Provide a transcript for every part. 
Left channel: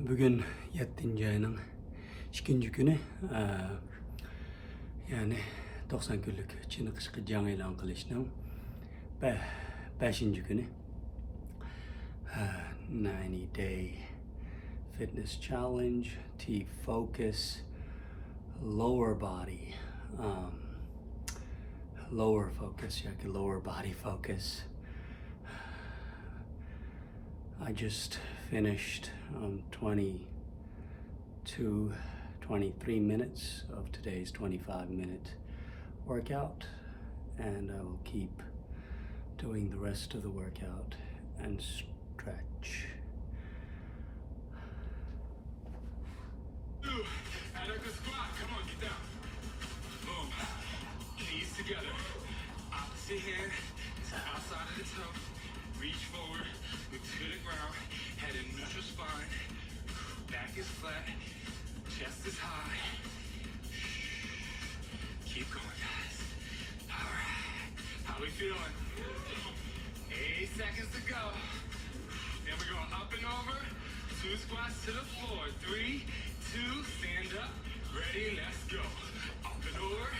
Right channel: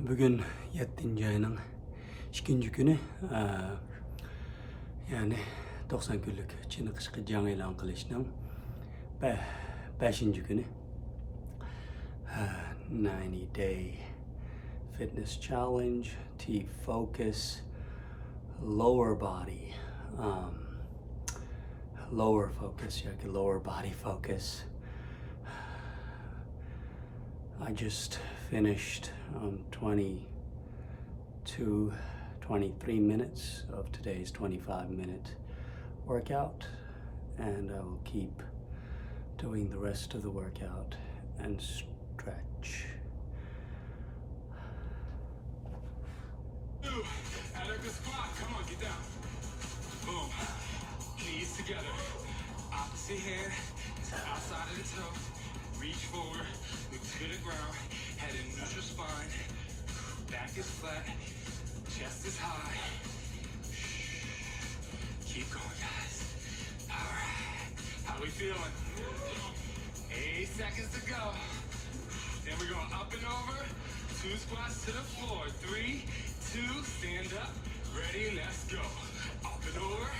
Bugün 7. ayının 2. günü, yani 90 günlük Çin kışkı can e'lon qilishning 5. günü. 90 day fitness challenge, T-focus, lower body, lower focus, yoki lower body focus. I just finished 23 minutes of today's 25-minute workout, and I will keep doing the rest of the workout and stretch. And up the squat, come on, get down. Boom. Knees together. Opposite hand to outside of the toe. Reach forward, look to the ground. Head in neutral spine. Back is flat. Chest is high. Keep going, guys. All right. How we feeling? 8 seconds to go. Then we're going up and over. 2 squats to the floor. 3, 2, stand up. Ready, let's go. Up and over.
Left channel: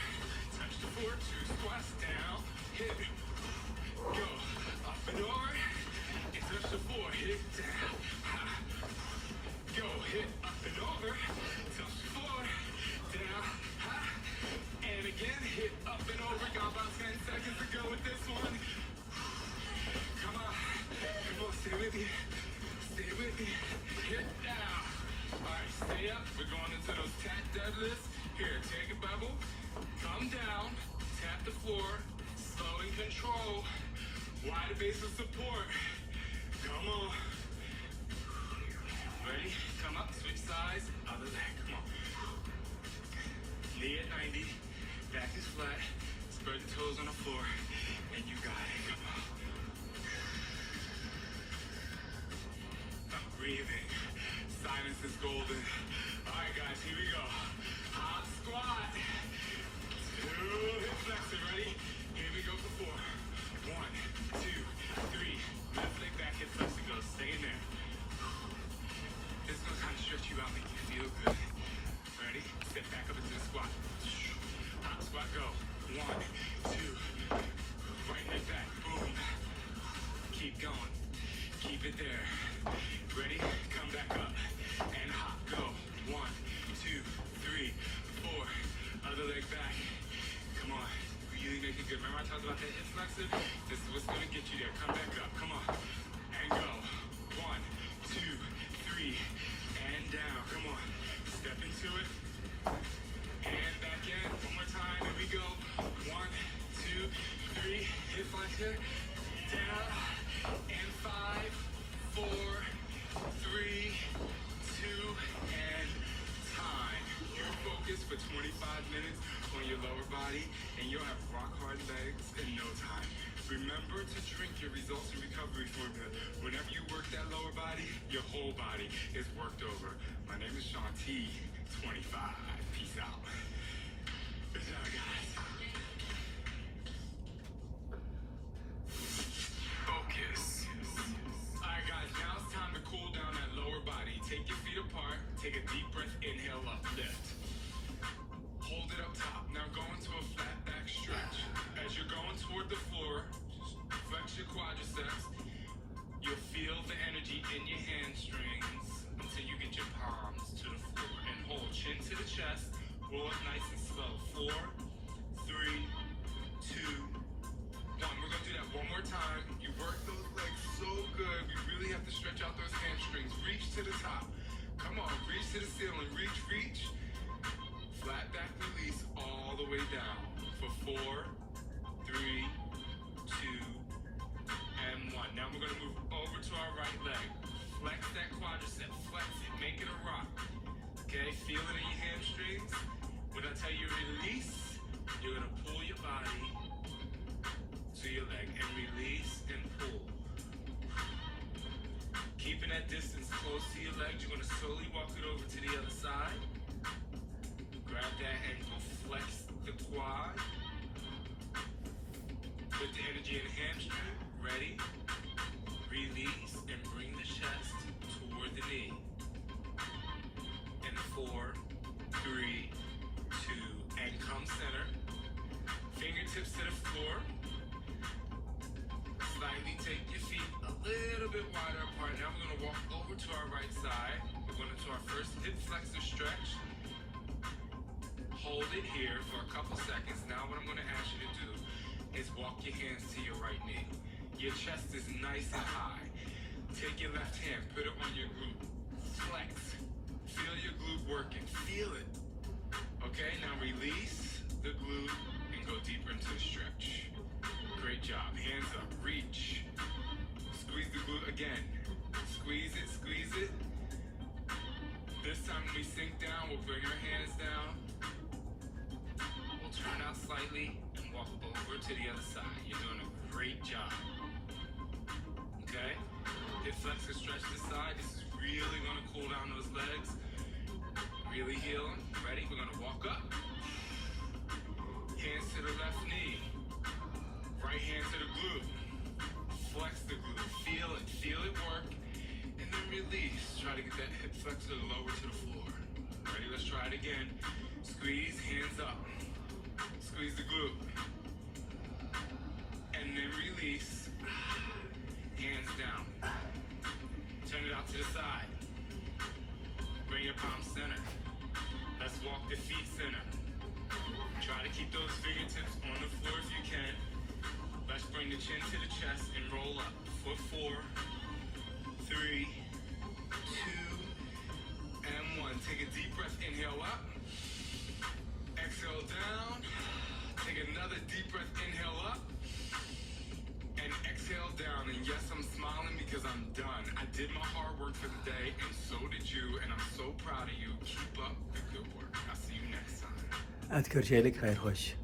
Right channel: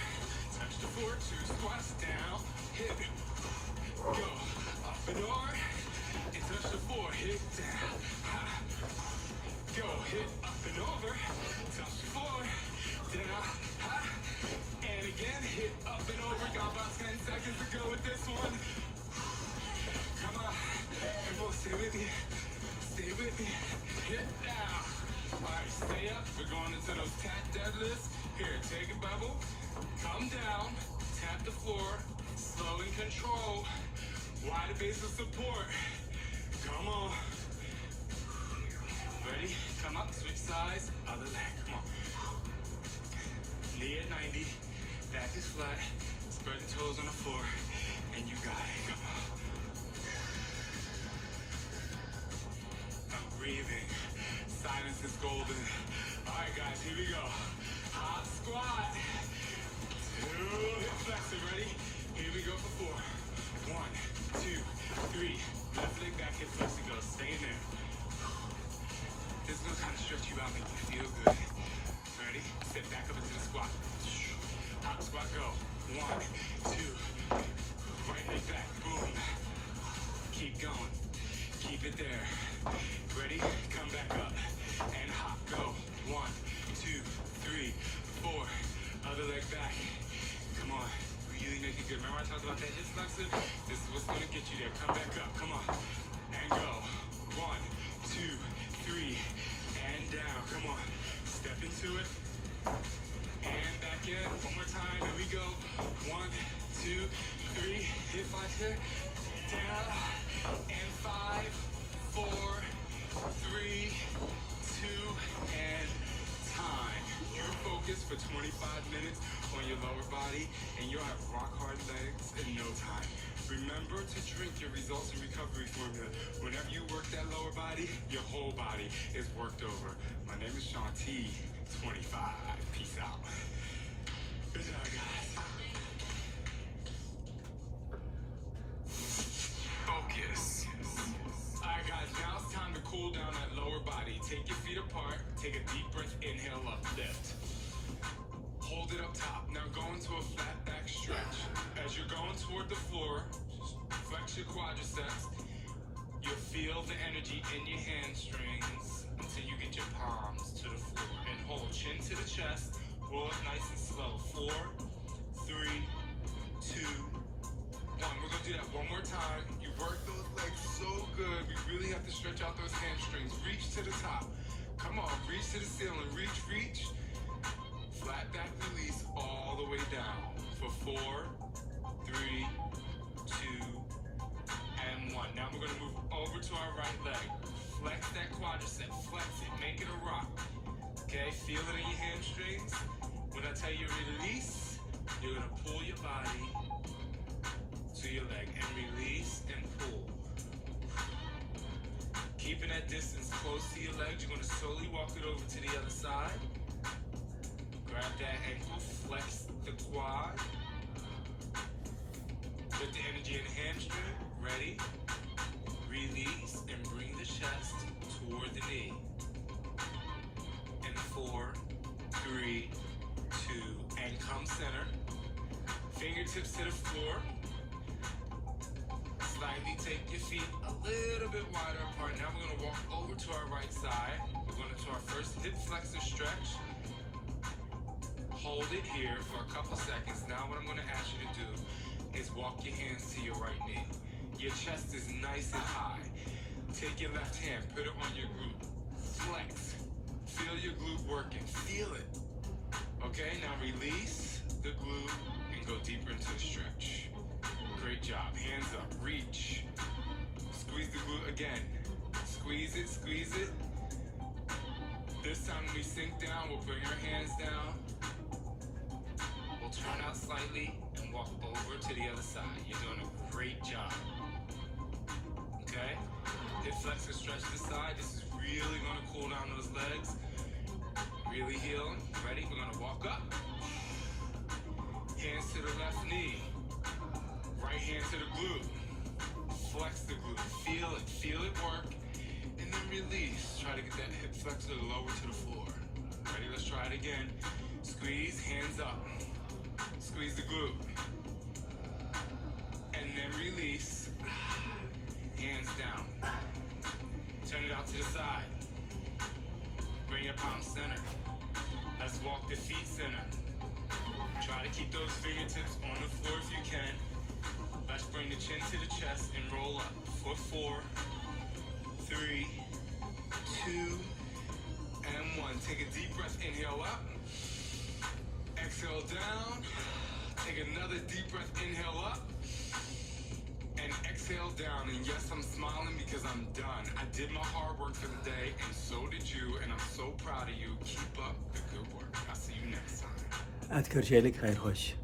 Touch the floor. 2 squats down. Hit. Go. Up and over. And touch the floor. Hit down. Ha. Go. Hit. Up and over. Touch the floor. Down. Ha. And again. Hit. Up and over. Got about 10 seconds to go with this one. Come on. Come on. Stay with me. Stay with me. Hit down. Alright, stay up. We're going into those tap deadlifts. Here, take a bubble. Come down. Tap the floor. Slow and control. Wide base of support. Come on. Ready? Come up. Switch sides. Other leg. Come on. Knee at 90. Back is flat. Spread the toes on the floor. And you got it. Come on. I'm breathing. Silence is golden. All right, guys, here we go. Hot squat. 2 hip flexor. Ready? Here we go for 4. 1, 2, 3. Left leg back, hip flexor. Go. Stay in there. This one's kind of stretch you out, make you feel good. Ready? Step back up into the squat. Hot squat. Go. 1, 2. Right leg back. Boom. Keep going. Keep it there. Ready? Come back up. And hop. Go. 1, 2, 3, 4. Other leg back. Come on. Really make it good. Remember I talked about that hip flexor? This is what's going to get you there. Come back up. Come on. And go. 1, 2, 3. And down. Come on. Step into it. And back in. One more time. Here we go. 1, 2, 3. Hip flexor. Down. And 5, 4, 3, 2, and time. You're focused for 25 minutes on your lower body, and you'll have rock hard legs in no time. Remember to drink your results and recovery formula. Whenever you work that lower body, your whole body is worked over. My name is Sean T. 25. Peace out. Good job, guys. Focus. Alright, guys, now it's time to cool down that lower body. Take your feet apart. Take a deep breath. Inhale up. Lift. Hold it up top. Now go into a flat back stretch. As you're going toward the floor, flex your quadriceps. You'll feel the energy in your hamstrings until you get your palms to the floor. And hold chin to the chest. Roll it nice and slow. 4, 3, 2, 1. We're going to do that one more time. You work those legs so good. We really have to stretch out those hamstrings. Reach to the top. Come on. Reach to the ceiling. Reach, reach. Flat back release all the way down. For 4, 3, 2, and 1. Now we're going to move over to our right leg. Flex that quadricep. Flex it. Make it a rock. Okay? Feel it in your hamstrings. When I tell you release, you're going to pull your body to your leg and release and pull. Keeping that distance close to your legs, you're going to slowly walk it over to the other side. Grab that ankle, flex the quad. Put the energy in the hamstring. Ready? Release and bring the chest toward the knee. Your chest is nice and high. Take your left hand, put it on your glute. Flex. Feel your glute working. Feel it. Okay, now release the glute and go deeper into the stretch. Great job. Hands up. Reach. Squeeze the glute again. Squeeze it, squeeze it. This time when we sink down, we'll bring our hands down. We'll turn out slightly and walk over to the other side. You're doing a great job. Okay? Hip flex and stretch this side. This is really gonna cool down those legs. Really heal them. Ready? We're gonna walk up. Hands to the left knee. Right hand to the glute. Flex the glute. Feel it work. And then release. Try to get that hip flexor lower to the floor. Ready? Let's try it again. Squeeze, hands up. Squeeze the glute. And then release. Hands down. Turn it out to the side. Bring your palm center. Let's walk the feet center. Try to keep those fingertips on the floor if you can. Let's bring the chin to the chest and roll up for 4, 3, 2, and 1. Take a deep breath, inhale up. Exhale down. Take another deep breath, inhale up. And exhale down. And yes, I'm smiling because I'm done. I did my hard work for the day, and so did you. And I'm so proud of you. Keep up the good work. I'll see you next time. Ad görüşelik, hayır hoş.